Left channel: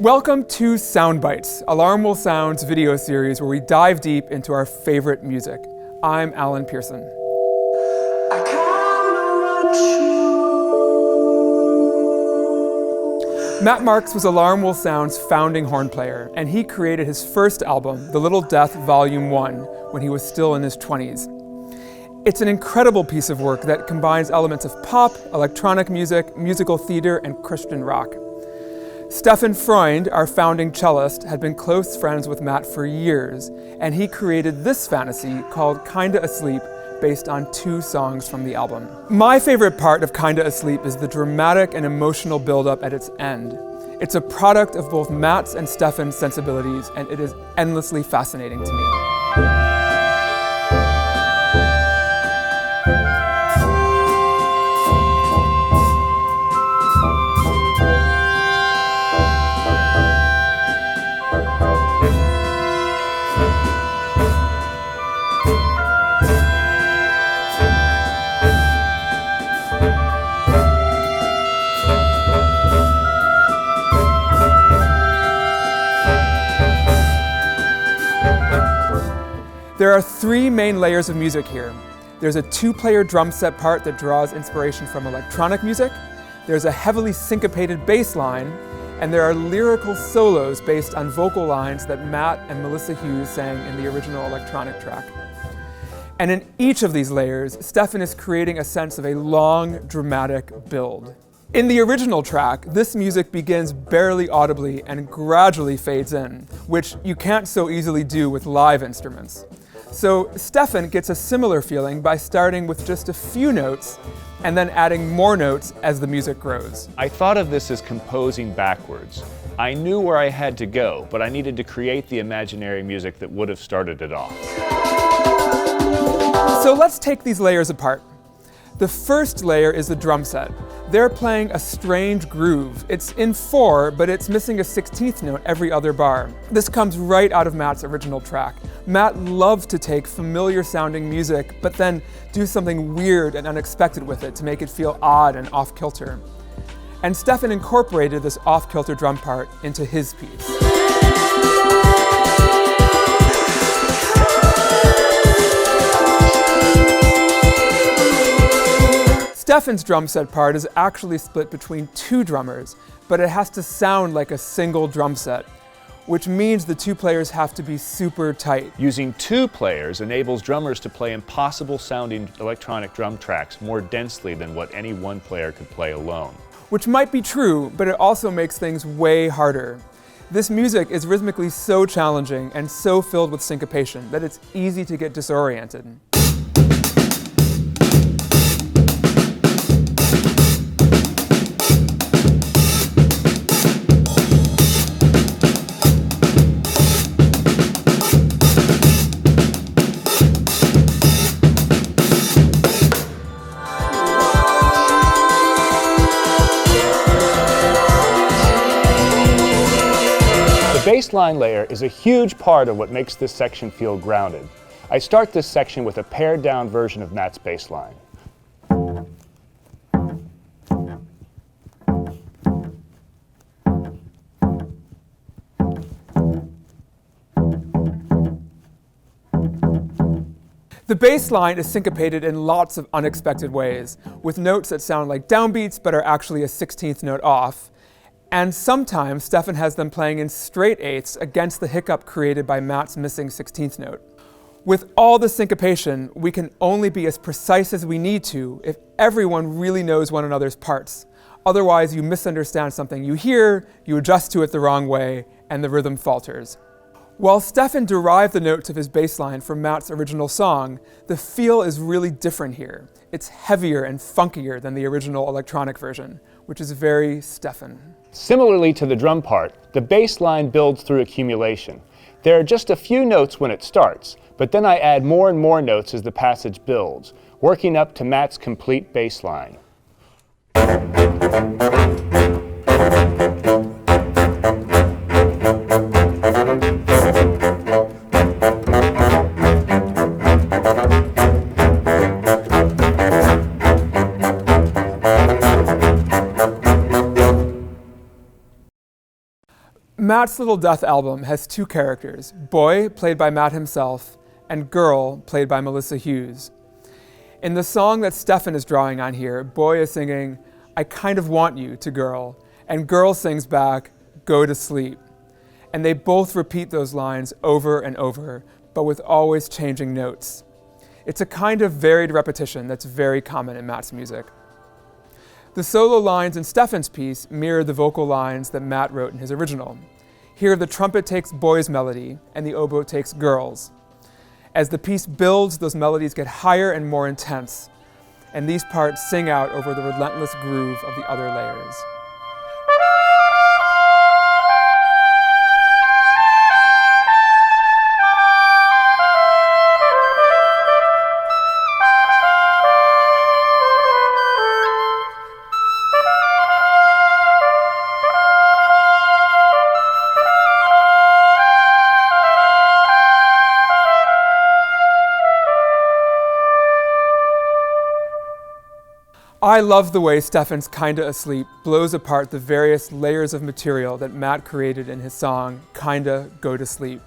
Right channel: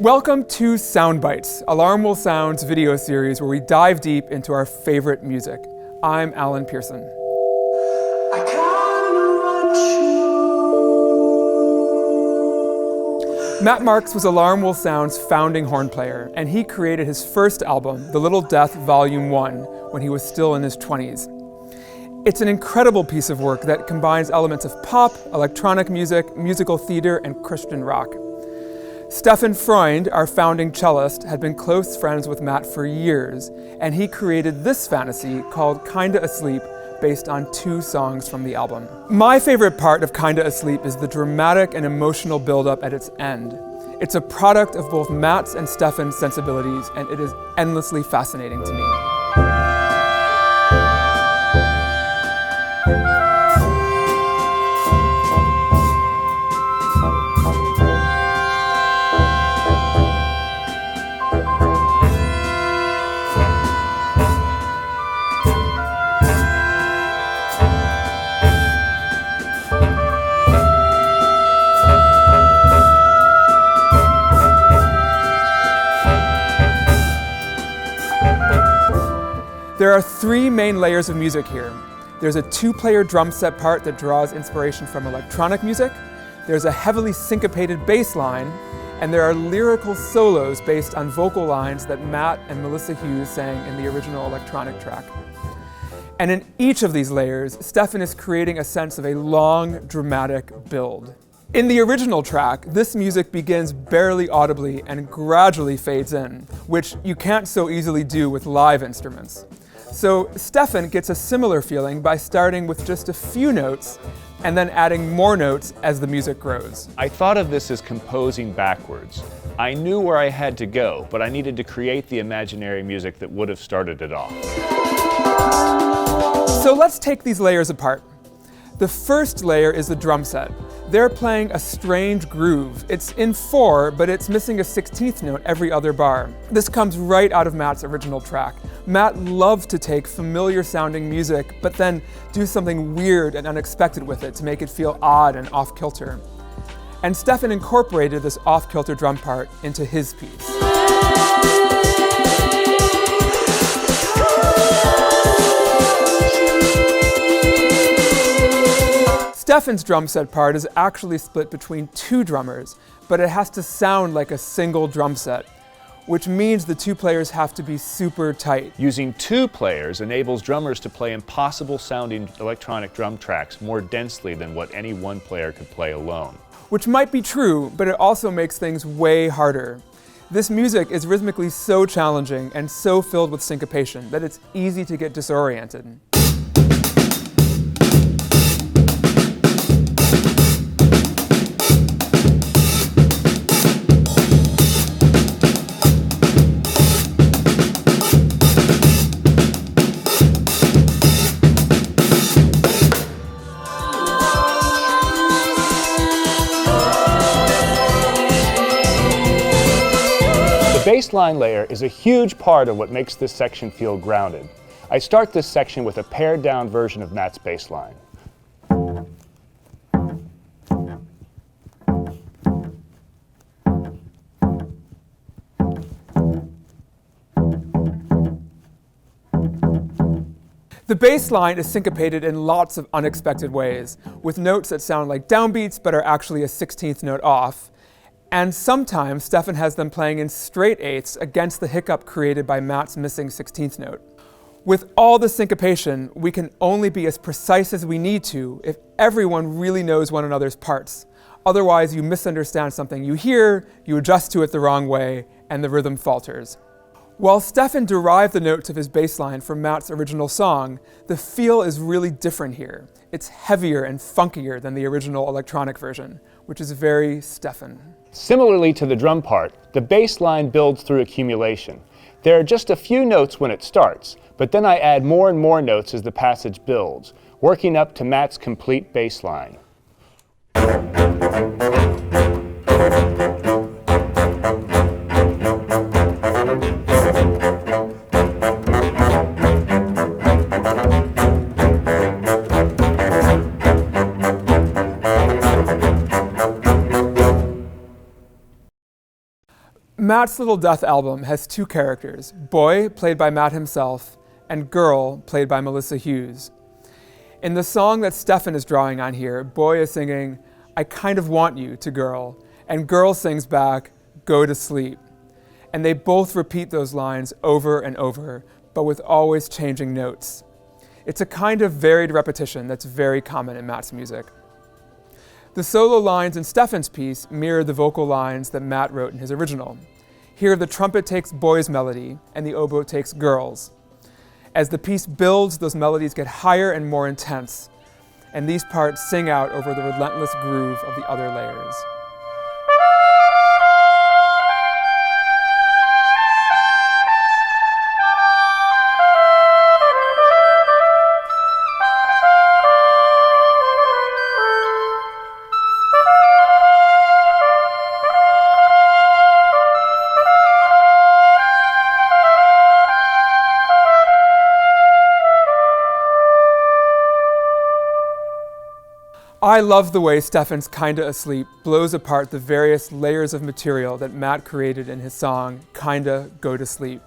Welcome to Soundbites, Alarm Will Sound's video series where we dive deep into our favorite music. I'm Alan Pierson. Matt Marks was Alarm Will Sound's founding horn player, and he created his first album, The Little Death Volume 1, when he was still in his 20s. It's an incredible piece of work that combines elements of pop, electronic music, musical theater, and Christian rock. Stefan Freund, our founding cellist, had been close friends with Matt for years, and he created this fantasy called Kinda Asleep, based on 2 songs from the album. My favorite part of Kinda Asleep is the dramatic and emotional build-up at its end. It's a product of both Matt's and Stefan's sensibilities, and it is endlessly fascinating to me. There are 3 main layers of music here. There's a 2-player drum set part that draws inspiration from electronic music, there's a heavily syncopated bass line, and there are lyrical solos based on vocal lines that Matt and Melissa Hughes sang in the original electronic track. And in each of these layers, Stefan is creating a sense of a long, dramatic build. In the original track, this music begins barely audibly and gradually fades in, which you can't so easily do with live instruments. So Stefan gets a similar feeling by starting with just a few notes and then adding more notes as the music grows. I thought of this as composing backwards. I knew where I had to go, but I needed to create the imaginary music that would have started it off. So let's take these layers apart. The first layer is the drum set. They're playing a strange groove. It's in 4, but it's missing a 16th note every other bar. This comes right out of Matt's original track. Matt loved to take familiar sounding music, but then do something weird and unexpected with it to make it feel odd and off-kilter. And Stefan incorporated this off-kilter drum part into his piece. Stefan's drum set part is actually split between 2 drummers, but it has to sound like a single drum set, which means the 2 players have to be super tight. Using 2 players enables drummers to play impossible sounding electronic drum tracks more densely than what any one player could play alone. Which might be true, but it also makes things way harder. This music is rhythmically so challenging and so filled with syncopation that it's easy to get disoriented. The bassline layer is a huge part of what makes this section feel grounded. I start this section with a pared down version of Matt's bassline. The bass line is syncopated in lots of unexpected ways, with notes that sound like downbeats but are actually a 16th note off. And sometimes Stefan has them playing in straight 8ths against the hiccup created by Matt's missing 16th note. With all the syncopation, we can only be as precise as we need to if everyone really knows one another's parts. Otherwise, you misunderstand something you hear, you adjust to it the wrong way, and the rhythm falters. While Stefan derived the notes of his bass line from Matt's original song, the feel is really different here. It's heavier and funkier than the original electronic version, which is very Stefan. Similarly to the drum part, the bass line builds through accumulation. There are just a few notes when it starts, but then I add more and more notes as the passage builds, working up to Matt's complete bass line. Matt's Little Death album has two characters, Boy, played by Matt himself, and Girl, played by Melissa Hughes. In the song that Stefan is drawing on here, Boy is singing, "I kind of want you," to Girl, and Girl sings back, "Go to sleep." And they both repeat those lines over and over, but with always changing notes. It's a kind of varied repetition that's very common in Matt's music. The solo lines in Stefan's piece mirror the vocal lines that Matt wrote in his original. Here, the trumpet takes Boy's melody, and the oboe takes Girl's. As the piece builds, those melodies get higher and more intense, and these parts sing out over the relentless groove of the other layers. I love the way Stefan's Kinda Asleep blows apart the various layers of material that Matt created in his song, Kinda Go to Sleep.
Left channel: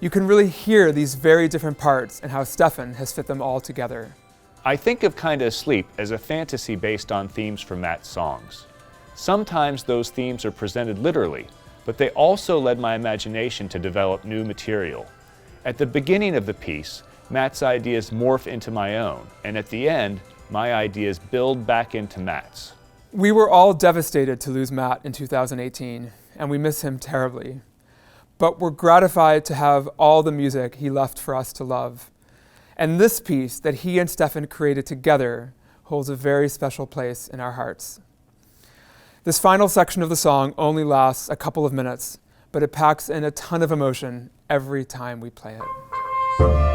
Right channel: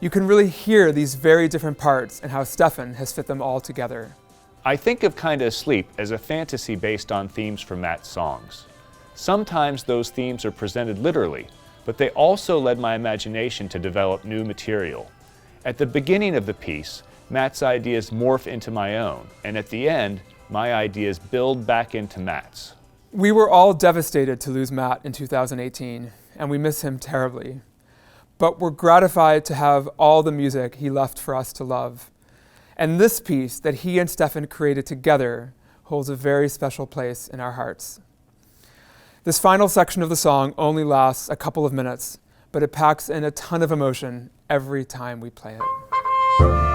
You can really hear these very different parts and how Stefan has fit them all together. I think of Kinda Asleep as a fantasy based on themes from Matt's songs. Sometimes those themes are presented literally, but they also led my imagination to develop new material. At the beginning of the piece, Matt's ideas morph into my own, and at the end, my ideas build back into Matt's. We were all devastated to lose Matt in 2018, and we miss him terribly. But we're gratified to have all the music he left for us to love. And this piece that he and Stefan created together holds a very special place in our hearts. This final section of the song only lasts a couple of minutes, but it packs in a ton of emotion every time we play it.